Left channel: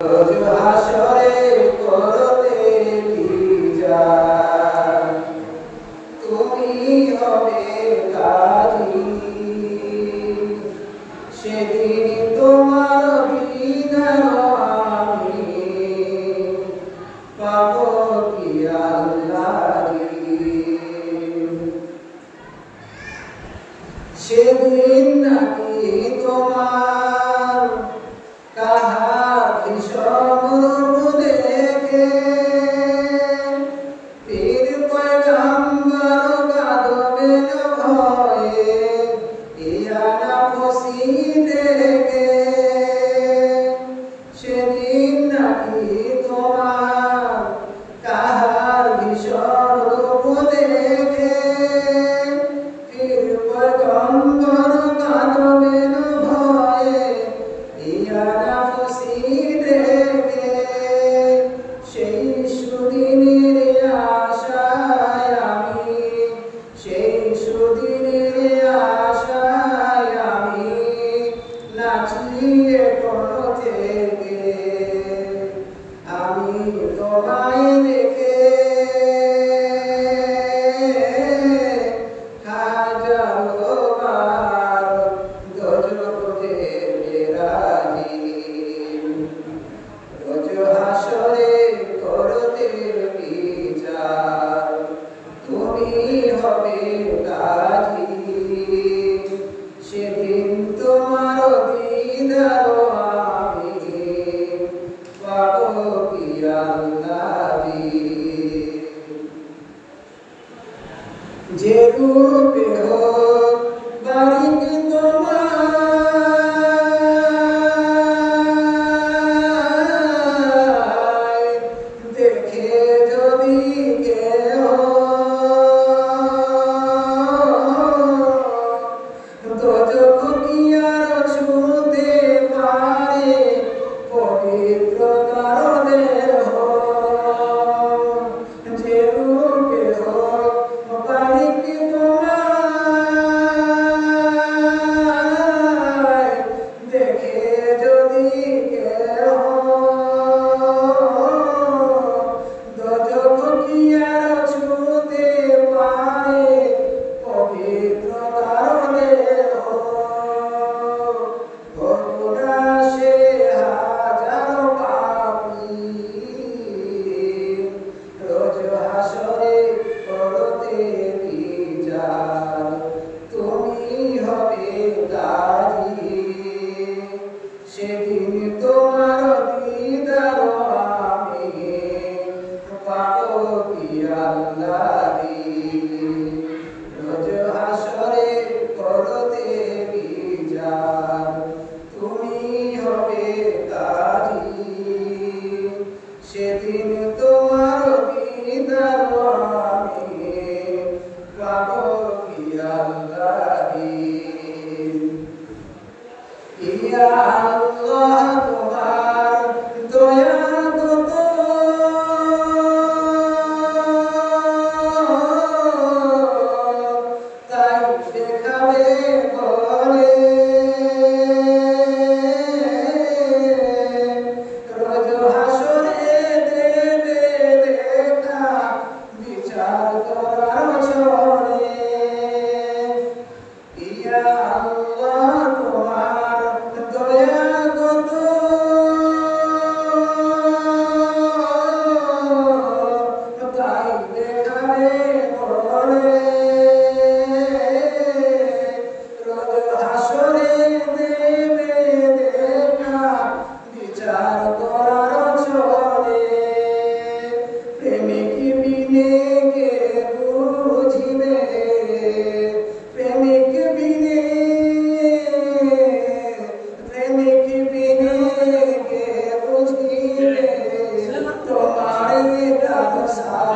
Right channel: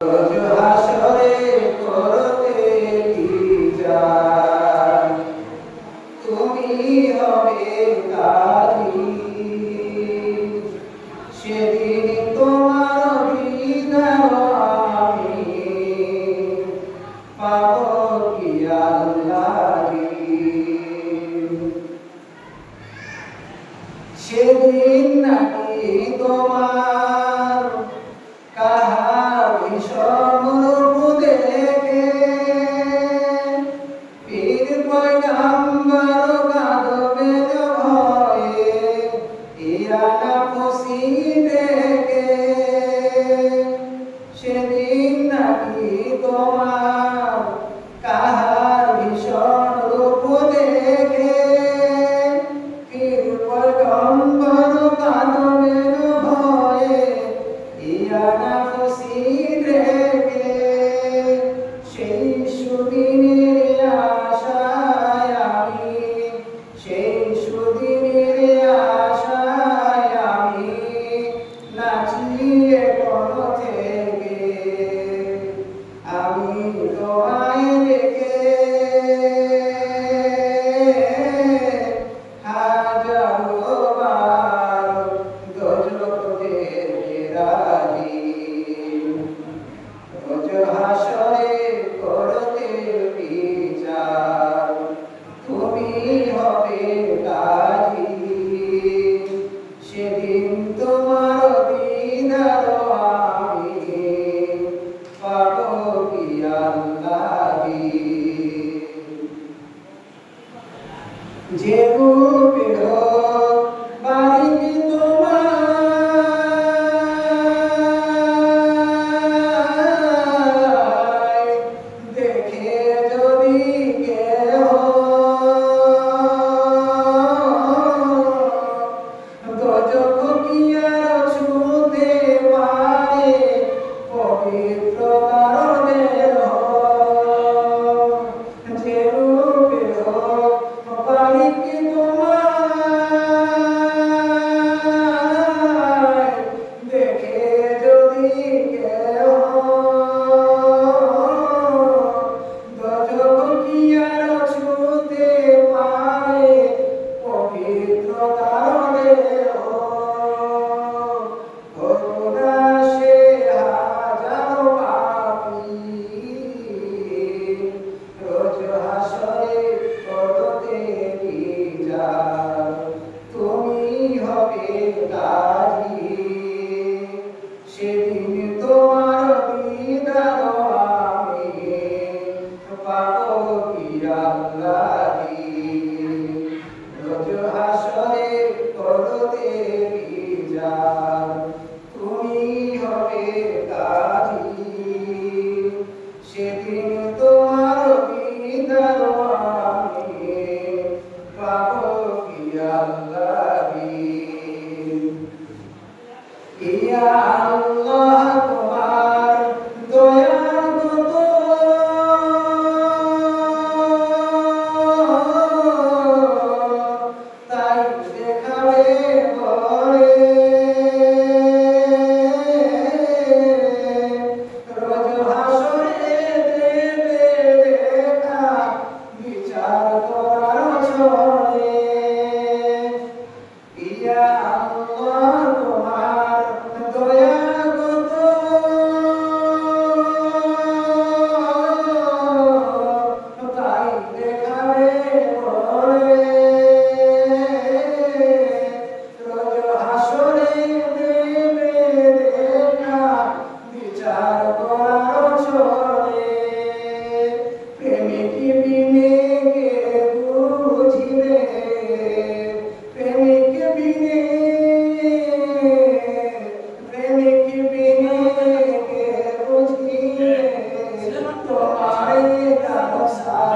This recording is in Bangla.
রোজ হাসরে করতে বিচার, তুমি হবে কাজী। সেদিন তোমার বিধান আমি পাবো কি আল্লাহরি। সেদিন নাকি তোমার কাহার ভীষণ রূপ দেখে পীর পয়গম্বর কাঁদবেন ভয়ে ইয়া নাফসি দেখে। সেদিন নাকি তোমার কাহার ভীষণ রূপ দেখে পীর পয়গম্বর কাঁদবেন ভয়ে ইয়া নাফসি দেখে। সেই সুদিনের আশায় আমি, সেই সুদিনের আশায় আমি নাচিয়ে কোন থেকে আমি তোমায় রেখে হাজারো বার দোজখ যেতে রাজি। রোজ হাসরে করতে বিচার, তুমি হবে কাজী। সেদিন তোমার দিদার আমি পাবো কি আল্লাহরি। যে রূপে হোক বাড়িতে তোমায় দেখে যদি কেহ দোজখ কি আর ছুঁতে পারে পবিত্রতার দেহ। যে রূপে হোক বাড়িতে তোমায় দেখে যদি কেহ দোজখ কি আর ছুঁতে পারে পবিত্রতার দেহ। ভোলা সে হাজারো পাপী রোজ হাসরে করতে বিচার, তুমি হবে কাজী। সেদিন তোমার দিদার আমি পাবো কি আল্লাহরি। রোজ হাসরে করতে বিচার, তুমি হবে কাজী। সেদিন তোমার দিদার আমি পাবো কি আল্লাহরি। ইয়া আল্লাহ তোমার দয়া কত, তাই দেখাবে বলে। রোজ হাসরে দেবে দেখা বিচার করার ছলে। ইয়া আল্লাহ তোমার দয়া কত, তাই দেখাবে বলে। রোজ হাসরে দেবে দেখা বিচার করার ছলে। প্রেমিক বিনে কে বুঝিবে, প্রেমিক বিনে, প্রেমিক বিনে কে বুঝিবে তোমার গান।